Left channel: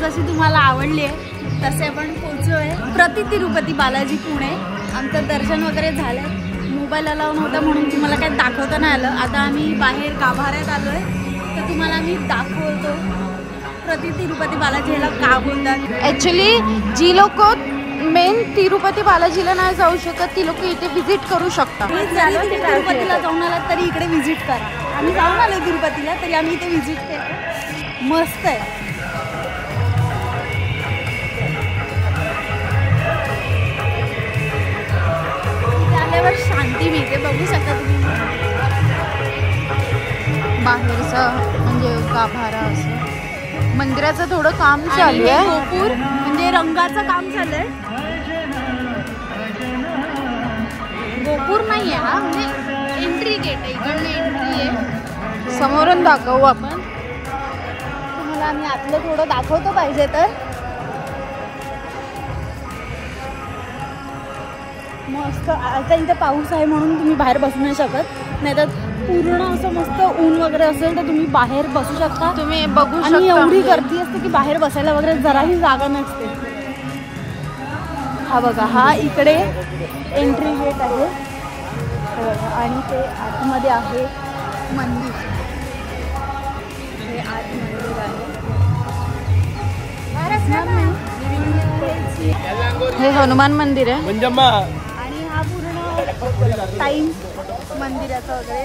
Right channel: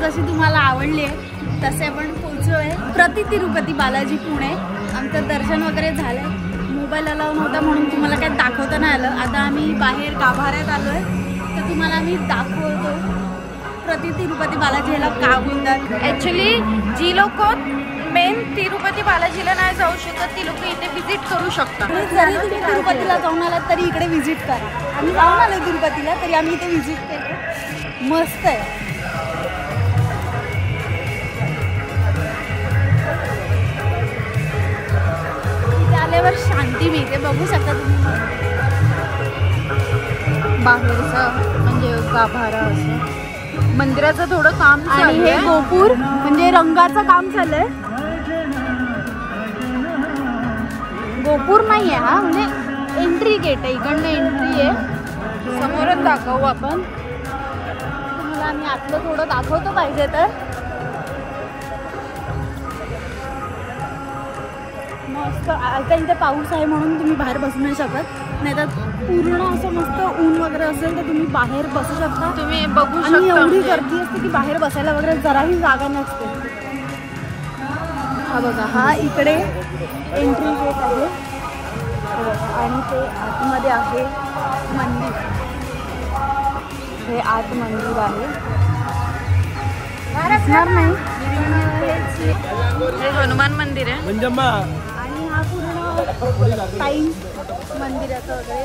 जशी तुम्हाला आवडली आहे तसे आपण पोहोचलोय प्रति तिरुपती बालाजी पुणे। आमचं दर्शन वगैरे झालंय, मोबाईल अलाव नव्हता म्हणून तुम्हाला काय दाखवता नाही आलं। आता आम्ही बाहेर गाभाऱ्यात आलोय तर तुम्हाला आम्ही दाखवतो प्रति तिरुपती बालाजी ह्याला का बोलतात। ॲक्च्युली जी लोक मेन तिरुपती बालाजीला नाही जाऊ शकत ती लोक इथे विजिट करू शकतात। जरी तुम्ही तिरुपतीला जाऊन आलात तरी इकडे विजिट करा। आम्ही जाऊन आलो तिरुपतीला तरी आम्ही इथे विजिट केलं, मस्त आहे। इथे आल्यावर शांती मिळते, बघू शकता तुम्ही बाहेरचं म्हणजे गाभारा असं। मंदिराचं थोडं काम चालू आहे, गोपुर म्हणजे रंगाचं काम चालू आहे। गोपुर नाही आहे ना, म्हणजे एंट्री गेट आहे, इकडनं एंट्री आहे। समोरून दाखवू आपण तुम्हाला, आम्ही आतलं थोडं दाखवतो पाहिजे तर। मस्त आता इथे पाऊस आहे म्हणून तुम्ही बाहेर बसू नाही शकत, नाही तर पूर्ण असं मस्त ऊन वगैरे असेल तर तुम्ही बाहेर बसू शकता। तुम्ही बघू शकता, आणि एवढी गर्दी असते की बाहेर बसायला वगैरे जराही जागा नसते। हा बघा, हा इकडे एंट्री गेट आहे आणि ते आतमध्ये आहे मंदिर, हे आत मंदिर आहे। हे हनुमान मंदिर आहे आणि हा पूर्ण टाईम मंदिराचा वगैरे।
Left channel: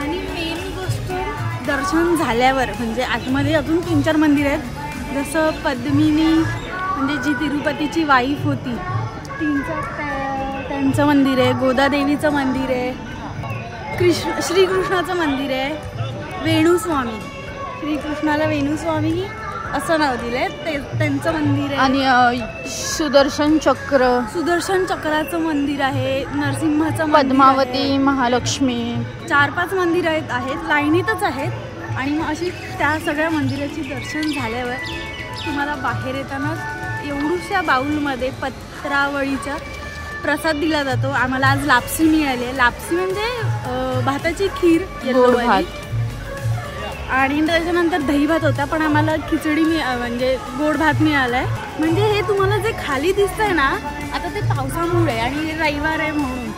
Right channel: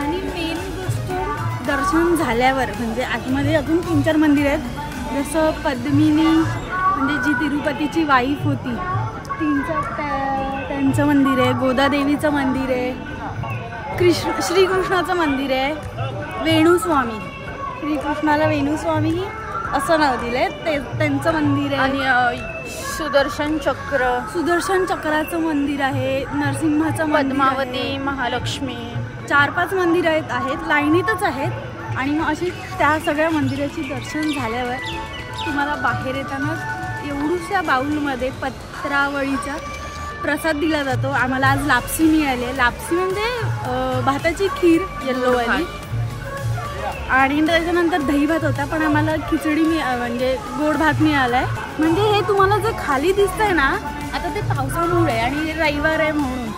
आणि मेन गोष्ट दर्शन झाल्यावर म्हणजे आतमध्ये अजून 3-4 मंदिर आहेत, जसं पद्मिनी म्हणजे जी तिरुपतीची वाईफ होती त्यांचं मंदिर आहे, गोदादेवीचं मंदिर आहे, श्रीकृष्णाचं मंदिर आहे, वेणुस्वामी, श्रीकृष्णाला वेणुस्वामी असं नाव दिलंय ते त्यांचं मंदिर आहे, आणि सुदर्शन चक्राचं मंदिर आहे, नरसिंहाचं पद्मावती, महालक्ष्मी, 4-5 मंदिर आहेत लाईनीतच आहेत। आणि मग अशी त्या सगळ्या मंदिराची दर्शन झाल्यावर तुम्हाला बाहेर येताना एवढूशा बाऊलमध्ये पत्रावळीचा प्रसाद दिला जातो। आम्हाला आज लापसी मिळाली आहे, लापसी म्हणजे भाताची खीर येल्लोवाली, आणि त्याच्यानंतर दही भात होता, पण आम्हाला खिचडी म्हणजे गोड भात मिळाला आहे। म्हणजे हे तुम्हाला जे खाली दिसतंय ना, आता ते पावसामुळे आणि रविवार आहे म्हणून,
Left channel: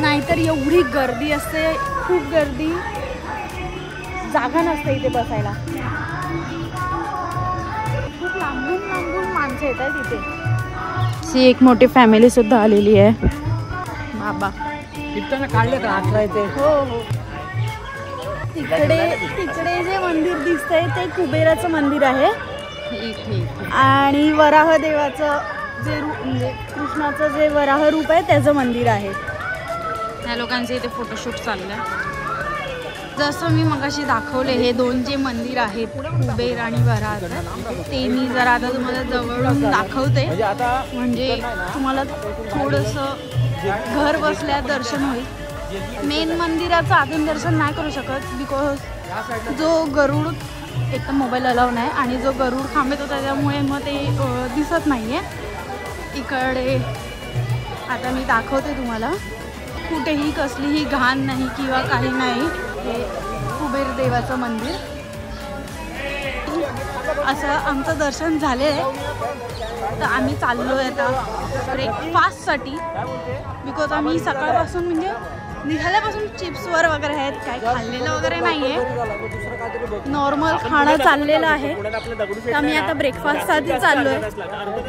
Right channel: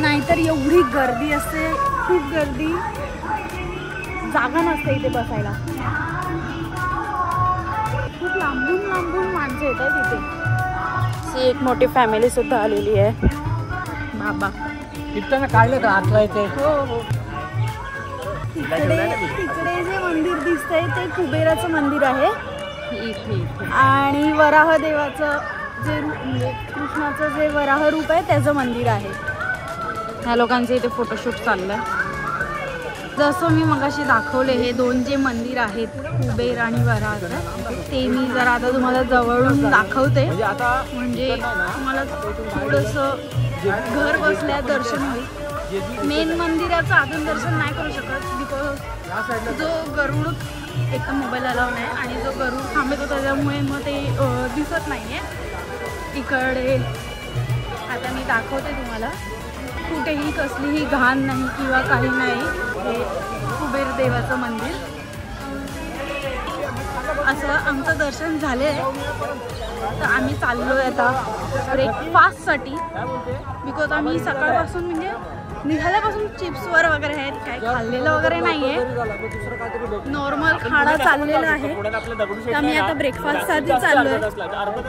नाहीतर एवढी गर्दी असते, खूप गर्दी, जागा नसते इथे बसायला, खूप लांबून माणसं येतात तिथे। सी एक मोठी फॅमिली सुद्धा आलेली आहे। बाबा कितना काढले का आतला इथे? तिकडे जे मंदिर दिसतंय ते कुबेराचं मंदिर आहे इथे, आणि वराह देवाचं जे म्हणजे कृष्णाचं जे वराह रूप आहे त्याचं मंदिर आहे। ह्या लोकांचे इथे फोटोशूट चाललंय। जसं मी मगाशी दाखवले हे 2 जे मंदिर आहेत कुबेर आणि वराहाचं, ते मी जरा आता तुम्हाला जवळून दाखवते, म्हणजे तुम्हाला थोडंसं घर बसल्या दर्शन होईल। मेन मंदिराचं आतून दर्शन नाही करू शकत बिकॉज जो गरुड, एक तर मोबाईल अलाव नाही, आणि जो गरुड थांबतो त्याच्यामुळे मग ते दिसत नाही आहे इकडे। आता मी दाखवते तुम्हाला, कुठेही कसलीही घाण नाही किंवा काही नाही, हे कुबेर देवाचं मंदिर। असं आमचं दर्शन झाले तर आम्ही चाललोय आता ब्रेकफास्टसाठी, बिकॉज आम्ही सकाळपासून म्हणजे निघाल्यापासून चिप्सवर वगैरे आहेत, काही खाल्लेलं वगैरे नाही आहे, नॉर्मल खाणं चाललेलं आहे। तर आम्ही आता ब्रेकफास्टसाठी चाललोय,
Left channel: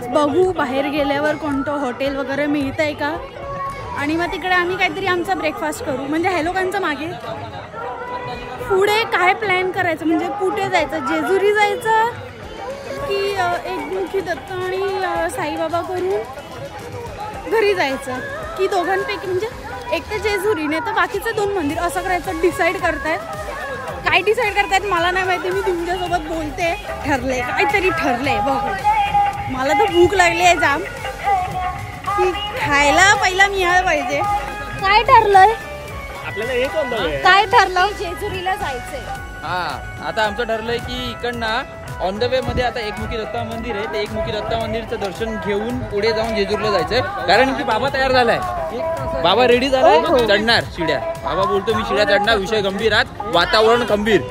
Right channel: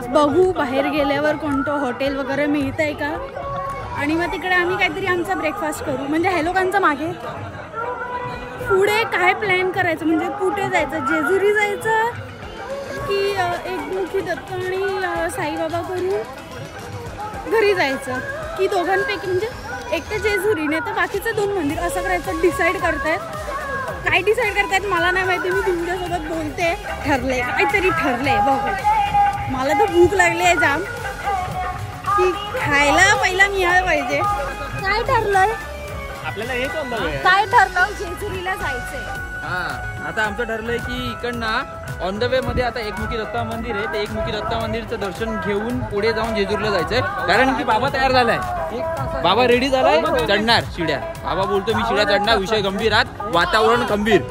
बघू बाहेर गेल्यावर कोणतं हॉटेल वगैरे मिळतंय का, आणि मग तिकडे आम्ही काहीतरी आमचा ब्रेकफास्ट करू। म्हणजे ह्या लोकांचं मागे पुढे काय प्लॅन करायचं, म्हणजे कुठे जायचं, जेजुरी जायचं की एकमुखी दत्त आणि साईबाबा करून घरी जायचं, की दोघांपैकी म्हणजे एक तर जेजुरी नाही तर बाकीचं 2 मंदिर असं करायचं डिसाईड करतायत। काय डिसाईड करतायत मला नाही माहिती, मी तुमच्यासोबत बोलते। ठरले काहीतरी ठरले, बघू। मला तर भूक लागली आहे जाम, की खायला पहिला मिळालं पाहिजे। काय ठरलंय आपल्याला? हे कोणतं काय ठरलं? जेजुरीला जायचंय। हा आता आमचं ठरलंय की इकडनं ऑन द वे मध्ये आता एकमुखी दत्ता मंदिर आहे, ते एकमुखी दत्ता मंदिरचं दर्शन घेऊन पुढे जाऊन जेजूरला जायचंय. कारण की बाबा तयार झालाय, बाबा रेडी झालाय, चढणार शिड्या. बाबा बोलतो मी शिड्या चढणार, विषय गंभीर, आहात वातावरण गंभीर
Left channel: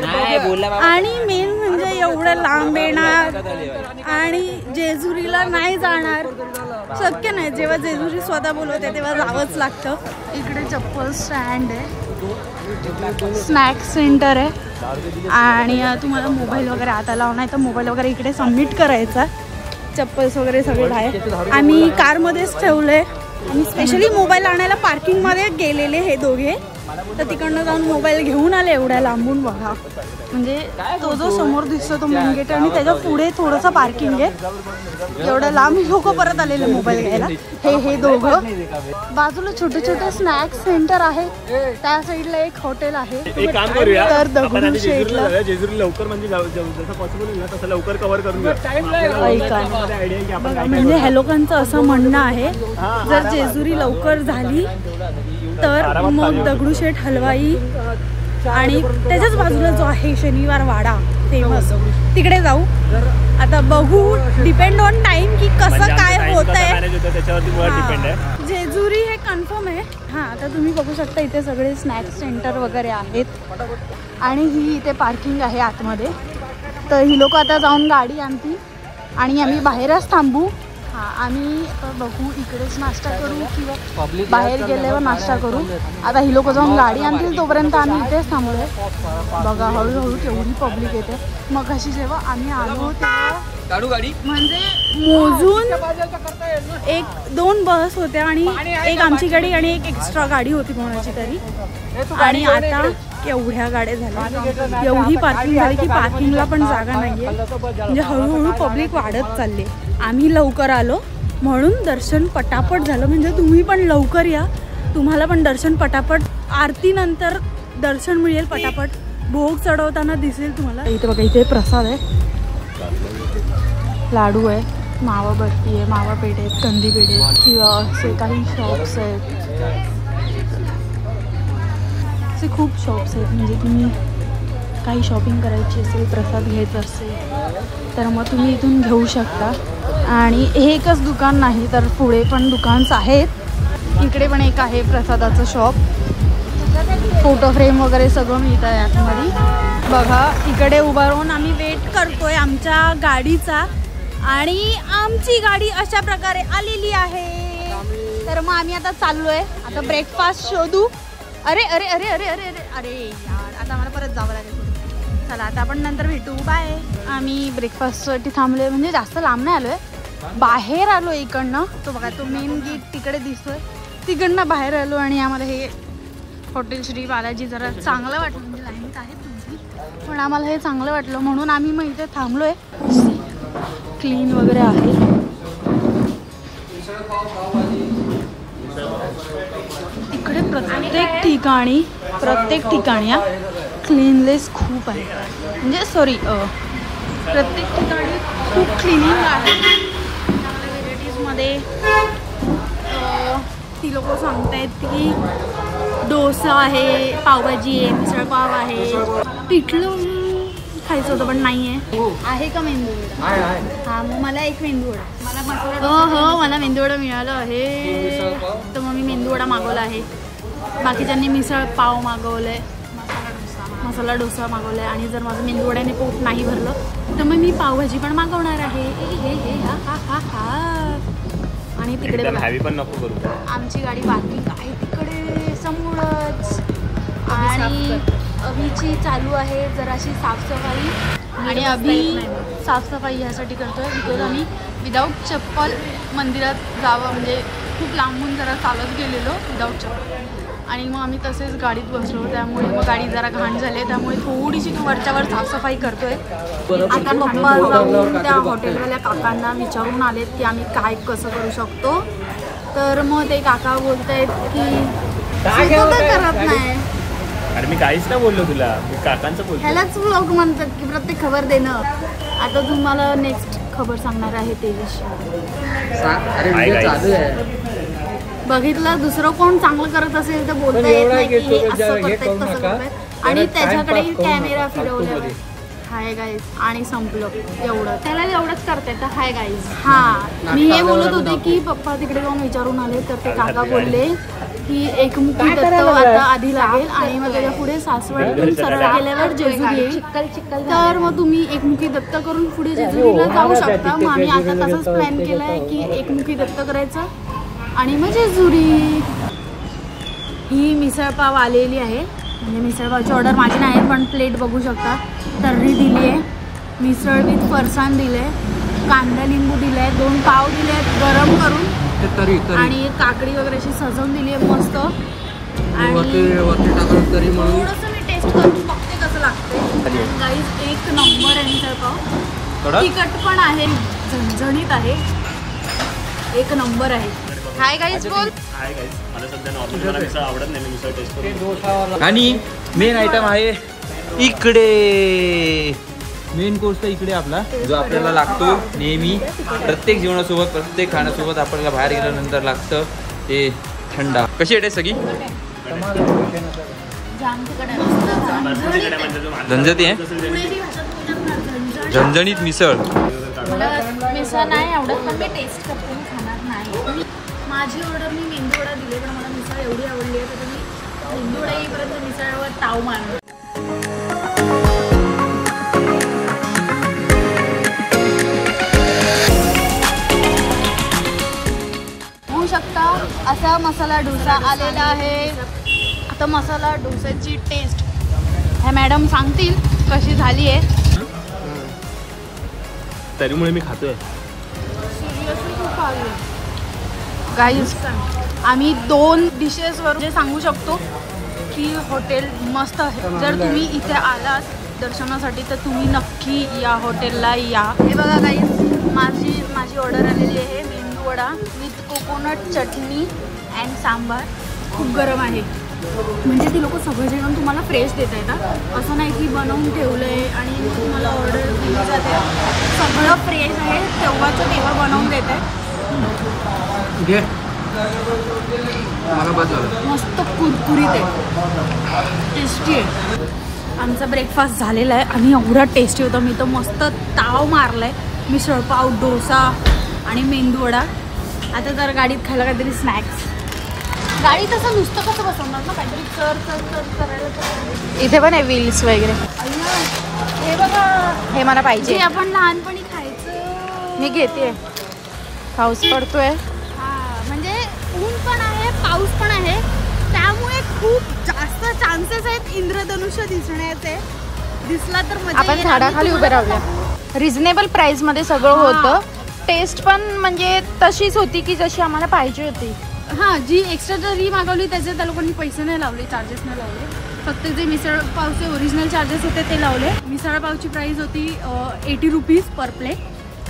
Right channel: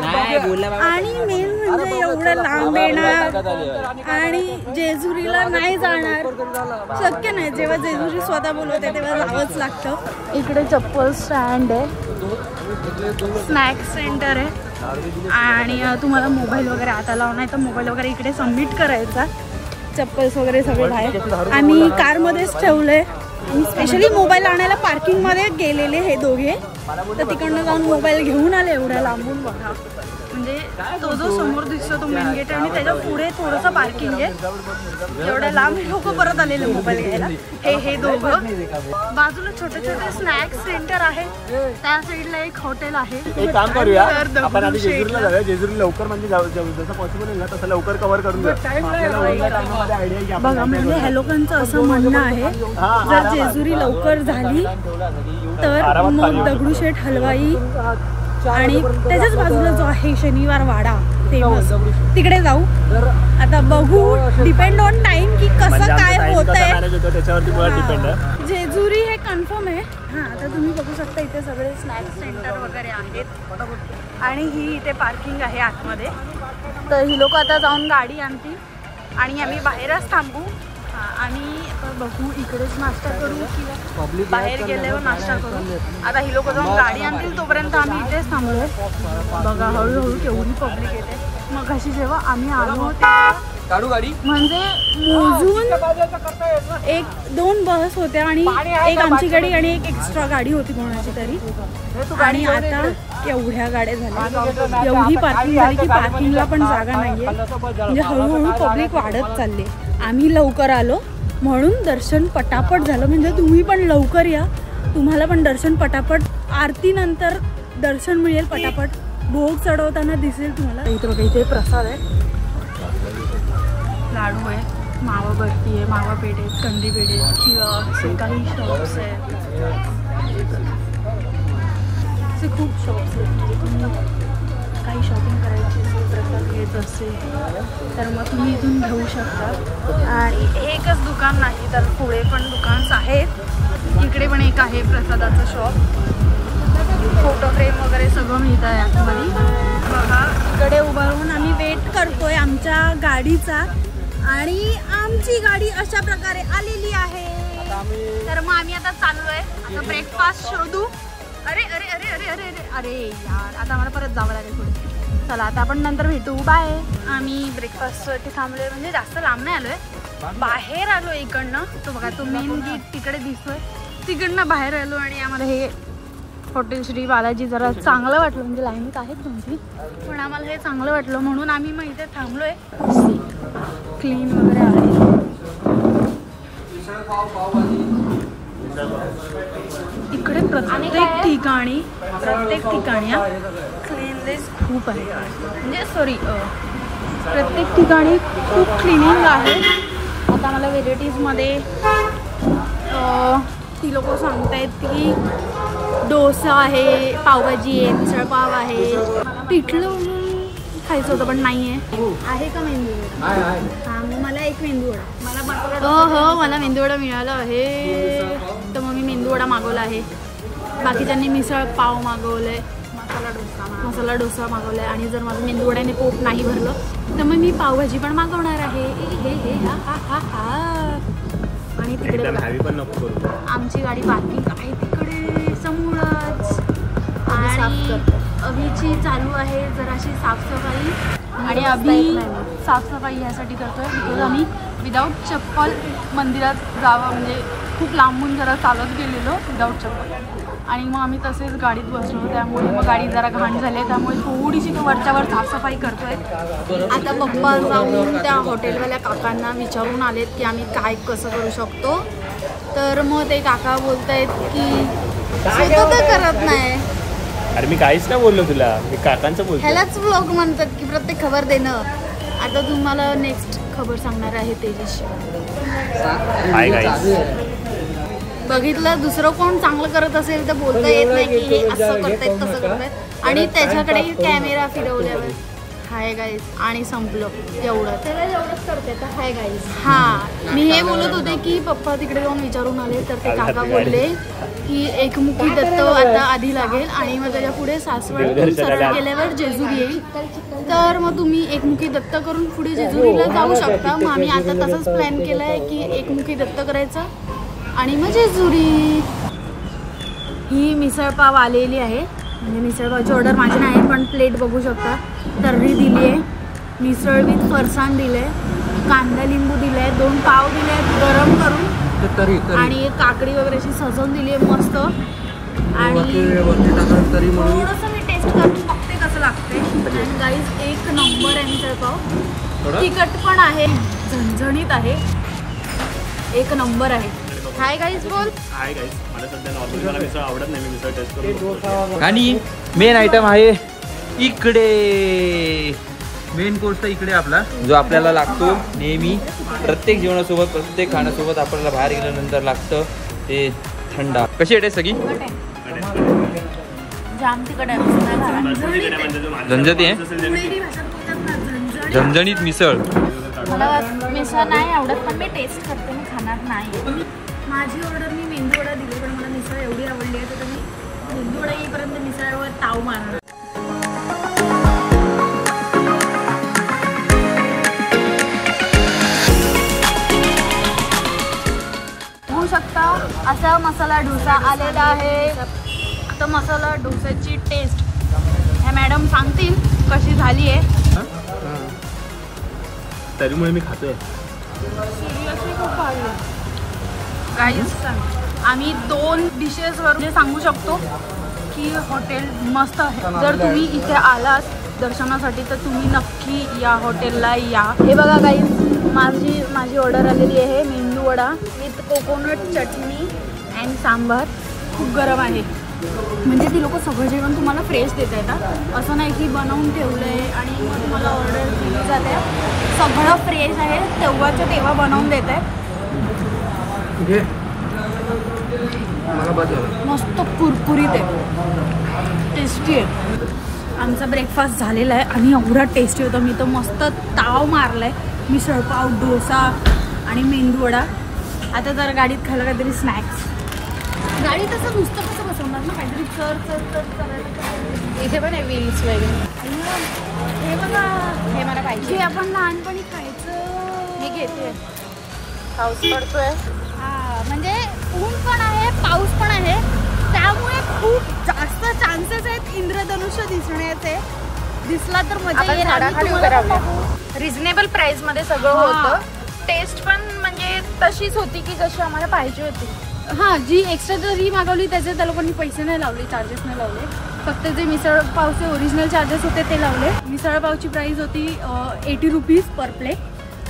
नाही बोलला बाबा. आणि मेन म्हणजे एवढं लांब येणार आणि जेजुरीला नाही जाणार शक्य नाही. जेव्हा जेजुरी स्वतः बोलवते तेव्हा जावंच लागतं. इकडे चप्पल स्टँड आहे, स्नॅक्स सेंटर आहे आणि तुम्हाला मोबाईल वगैरे आता लावून आहे तर मोबाईल वगैरे इकडे सबमिट करायचं. चप्पल्स वगैरे सगळे आहे. आम्ही कारमध्येच ठेवले आणि स्पेशली मोबाईल आणायला पार्किंगमध्ये गेलेले हे दोघे, तर तिकडनं जाऊन मोबाईल घेऊन आले एवढ्या लांबून. बघा म्हणजे तो जो समोर दिसतो तो मेन गेट आणि त्याच्या पुढे थोडंसं पार्किंग आहे. एवढ्या लांब लोक परत आलेले मोबाईल घ्यायला. हे दोघं. बाजूला छोटे छोटे स्नॅक्स सेंटर आहे, त्या साईडला एक हॉटेल आहे. एक काम करूया, आपण आधी जेजुरीला जाऊया. जेजुरी लवकर म्हणजे जसं पॉसिबल होईल ना तसं लवकर कव्हर करून घेऊ. बघा म्हणजे ह्या लोकांचं असं म्हणणं आहे जर जेजुरी लवकर झाली तर मग दगडूशेठ हलवाई आणि त्याच्याच बाजूला जो आहे शनिवार वाडा फेमस तिकडे जाऊ. आता बघू, डिपेंड ऑन टाइम की कसं काय होत आहे. जेजुरी हे कन्फर्म आहे. हा आता तुम्ही बघू शकता इथे सगळे स्नॅक्स सेंटर वगैरे आहेत आणि ही इथे पार्किंग आहे आतमध्ये. तर ही लोक आता जाऊन गाडी आणतील आणि आम्ही बाहेरच थांबू. आम्ही बघू इकडेच नाश्ता करू की बाहेर गेल्यावर नाश्ता करू. आता ही लोक जाऊन गाडी आणतील तोपर्यंत आम्ही इथेच थांबलोय. बघा हळूहळू केवढी पब्लिक येते. मग अशी जेव्हा आम्ही आलो तेव्हा गाडी म्हणजे मोजून 1-2 बस होत्या आणि एक आमची गाडी आणि एक एक्स्ट्रा गाडी होती कोणाची तरी. आणि आता एवढ्या गाड्या झाल्या, एवढी पार्किंग झाली की पार्किंगला पण जागा नाहीये. म्हणजे हळूहळू पब्लिक वाढत चालले. आम्ही लवकर आलो म्हणून दर्शन पटापट झालं. म्हणजे तुम्ही पण लवकर या, तुम्हाला पण दर्शन पटापट, आरती नंतर दर्शन मिळेल पटापट. भोग चढवताना दिसेल तुम्हाला. इथे बघा इथे प्रसाद आहे, लाडू आहे, मावा बर्फी आहे, मावा पेढे आहेत, कंदी पेढे किंवा असे काही शॉप्स आहेत. असे खूप शॉप्स आहेत. म्हणजे तुम्ही काही शॉपिंग करायची असेल, प्रसाद घ्यायचा असेल तर मग तुम्ही इथून घेऊ शकता. आणि एकच दुकान नाही तर पुढे पण दुकान्स आहेत. इकडे पण एक आहे प्रसादाचं शॉप. फोटो फ्रेम वगैरे सगळं मिळतं आहे आतमध्ये. बघा इकडे उभं राहून आम्ही वेट करतोय आमच्या गाडीचा आणि आमची गाडी अशा प्रकारे आलेली आहे. तर मग आम्ही आता चाललोय. आता ब्रेकफास्ट शोधू. अरे अरे अरे अरे अरे अरे अरे यार, आता आम्हाला परत जावं लागेल पुढे. चला आता आपण नंतर भेटू, बाय. आम्ही ब्रेकफास्टसाठी थांबलोय, म्हणजे जास्त लांब नाही आलोय, बाहेर आलो इकडनं. तो बघा तो मेन गेट तिकडे दिसतोय, तिकडनं बाहेर आलो आणि आम्हाला हे हॉटेल श्री बालाजी जरा चांगलं वाटलं. म्हणजे लाईनीत आहेत तुमची, पण आम्हाला हे चांगलं वाटलं म्हणून आम्ही मग इथे थांबलोय. क्लीन वगैरे आहे. इकडे प्रत्येक ठिकाणी क्लीननेस खूप आहे. म्हणजे सॉरी प्रत्येक ठिकाणी खूप क्लिनिंग आहे. आता मला व्हेरायटीजमध्ये ती लोक सांगतायत की डोसा आहे, पावभाजी आहे, मिसळपाव आहे. पिठलं खायचं होतं पण नाही आहे का मेंदू वडा? हां मग मला एक मेंदू वडा. हो मला मेंदू वडा मिळालं आहे तर मग मी मेंदू वडा मागवला आहे. बाकीच्यांनी मिसळ पाव मागवलंय, मसाला डोसा मागवलाय. आणि जर माझं मेंदू वड्याने पोट नाही भरलं तर मग मी पावभाजी पण मागवणार आहे. हे हा हा हा हा. आणि तिकडे आमची गाडी पार्किंग आहे तिकडे समोरच. आणि अभिची चालू आहे जराशी साफसफाई. आणि अभि साफसफाई ह्यासाठी करतोय बिकॉज आम्ही विदाऊट चप्पल मंदिरात जावं, म्हणजे खूप लांबून जरा चालत गेलेलो विदाऊट चप्पल. आणि मग आम्ही तसेच गाडीत बसलो, त्यामुळे मग गाडी जरा घाण झाली, त्यामुळे थोडीशी तो वरच्यावर साफसफाई करतोय. आता पप्पा जाऊन त्या हॉटेलवाल्या काकांना विचारून आलेत की आम्ही काय कसं करू शकतो. तर मग ते काका बोलत आहेत की स्वतः करत नाही. अरे मी काहीच नाही बोललो तुला, मी काकांचं बोलतो. ह्यालाच व्लॉग म्हणतात की प्रत्येक खबर देणं. आता तुम्हाला नेक्स्ट खबर सांगणार आहे तेजस. बघितलं दुसरं कोण चांगलं करत असेल तर बोलता येत नाही की हे असं करतायत तसं करतायत आणि त्याच्याकडे कॅमेरा फिरवल्यावर हाय गाईज आणि संपलं एवढं त्याला एवढंच करते तर हाय गाईज. हा मी हे बोलत होते की पप्पा तिकडे जाऊन विचारून आले तर ते काका बोलले की एकमुखी दत्त आता आधी लागेल आणि मग त्याच्या पुढे सासवडतून सरळ गेल्यावर जेजुरी येईल. तर मग तुम्ही एकमुखी दत्त करून पुढे जेजुरीला जाऊ शकता. मग आम्ही आता तसंच प्लॅन केलाय की एकमुखी दत्त करायचं आणि मग जेजुरी. ही मिसळपाव आलेली आहे म्हणजे मिसळपावची ऑर्डर माझी नाही पण प्लेट बघू शकता. तर्री दिली आहे, मिसळ विथ फरसाण दिले, कांदा लिंबू दिलाय, 2 पाव दिले गरम करून आणि काकडी वगैरे अशी सजवून दिली आहे मस्त. आणि थोडंसं मी टेस्ट करून बघते कसं लागते. आणि गाईज एक नंबर आहे मिसळपाव. तिखट पण आहे, झणझणीत आहे, एक नंबर आहे. हाय गाईज बोल. Hi guys. मला सध्या नॉर्मली मला मिसळ आवडत नाही, मी मिसळ टेस्ट करून. आणि मेन आयटम आहे इकडे, मेन कोर्स तर इकडे आपला जो आपल्याला लागतो नेहमी प्रत्येक जेवणासोबत प्रत्येक खाण्यासोबत आपल्याला बाहेर गेल्यानंतर लागतं ते थंडा. कशी आहे सगळी? झणझणीत आहे, झणझणीत मिसळ. मला मिसळ नाही आवडत पण मी टेस्ट करते, मी खाणार नाही. माझी ऑर्डर मी मेंदू वडा दिले पण मला मिसळ एवढी आवडली आहे तर मी मेंदू वडा येईपर्यंत मिसळवर ताव मारणार. होऊ शकता असा मसाला डोसा आलेला आहे. आता मसाला डोसाची टेस्ट ह्या मॅडम सांगतील कशी झाली आहे. तरीमुळे मी खातोय. सिरियसली खूप भारी आहे गाईज. आम्ही 2 डिशेसवरून जे सांगू शकतो की हॉटेल मस्त आहे. जर तुम्ही इथे आलात दर्शनासाठी तर तुम्ही नक्की या हॉटेलला या. हे बघा गाईज माझी ऑर्डर आलेली आहे मेंदू vada with coconut chutney and sambar. खूप गरम आहे म्हणजे ती लोक सगळं जेवण तुम्हाला फ्रेश देत आहेत. असं नाही की बनवून ठेवलं आहे आणि मग तुम्हाला ऑर्डर दिली जाते. सगळं फ्रेश आहे, तेव्हाचं तेव्हा बनवून देत आहे. मस्त कुरकुरीत आहे, टेस्टी आहे. आमचा ब्रेकफास्ट झालेला आहे आणि एवढा टेस्टी होता. मी तर मस्त ताव मारलाय. मिसळपाव, डोसा आणि मेंदू वडा. आता जर गाडीत खायला काहीतरी स्नॅक्स. गाडी तसं नुसतं कसं बसवणार ना, काहीतरी चढ. इथे पण आहे व्हील्स वगैरे. हे बघा, हे मला पाहिजे. आपण लहानपणी खायचं. मी घेते. पाऊस पडतोय. हा म्हणजे ऊन पण आहे, पाऊस पण आहे, त्यामुळे खूप जास्त चान्सेस आहेत इंद्रधनुष्य दिसण्याचे. दिसला तर मजा येईल. आणि तुम्हाला पण दाखवू. रिझनेबल प्राइस मध्ये सगळं होतं. टेस्ट पण म्हणजे तशीच होती की जशी आम्हाला पाहिजे होती. हां, जी एक्स्ट्रा जरी मागवली त्याचे त्या लोकांनी पैसे नाही लावले, चार्जेस नाही लावले. फक्त जे मिसळपावचे ओरिजिनल चार्जेस होते ते लावले. मिसळपावची प्राइस होती 80 रुपीज पर प्लेट.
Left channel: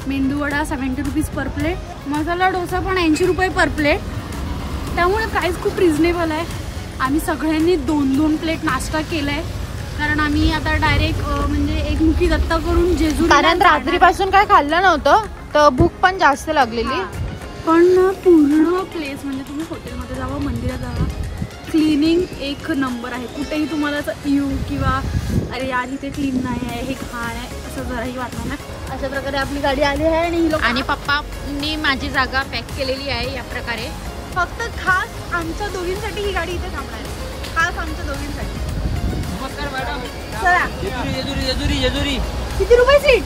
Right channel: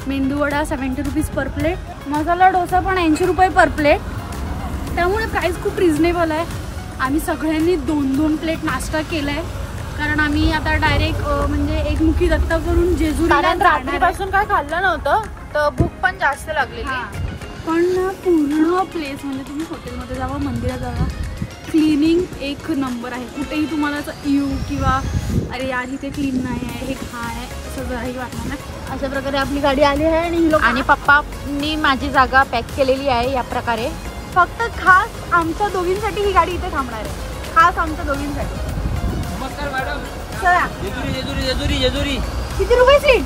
मेंदू vada 70 rupees per plate. Masala dosa पण 80 रुपये पर प्लेट. त्यामुळे प्राइस खूप रिझनेबल आहे. आम्ही सगळ्यांनी 2-2 प्लेट नाश्ता केलाय कारण आम्ही आता डायरेक्ट म्हणजे एकमुखी दत्त करून जेजुरीला रात्रीपासून काय खाल्लं नव्हतं तर भूक पण जास्त लागलेली. पण पूर्ण प्लेस म्हणजे तुम्ही हॉटेलमध्ये जावा, मंदिरात जावा, क्लिनिंग एक नंबर आहे. कुठेही तुम्हाला असं येऊ किंवा अरे यार इथे क्लीन नाही आहे, हे घाण आहे असं जराही वाटणार ना. अशा प्रकारे आपली गाडी आली आहे आणि पप्पांनी माझी जागा पॅक केलेली आहे या प्रकारे. फक्त खास आमच्या दोघींसाठी ही गाडी इथे थांबणार आहे, खास आमच्या दोघींसाठी. नमस्कार मॅडम. जेजुरी जेजुरी जेजुरी जेजुरी. किती रुपये सीट?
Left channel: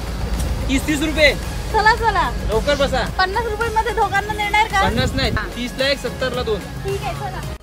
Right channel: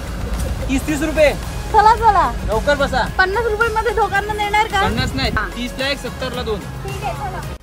30 रुपये. चला चला लवकर बसा. 50 रुपये मध्ये दोघांना देणार का? 50 नाही, 30 ला 1, 70 ला 2. ठीक आहे चला.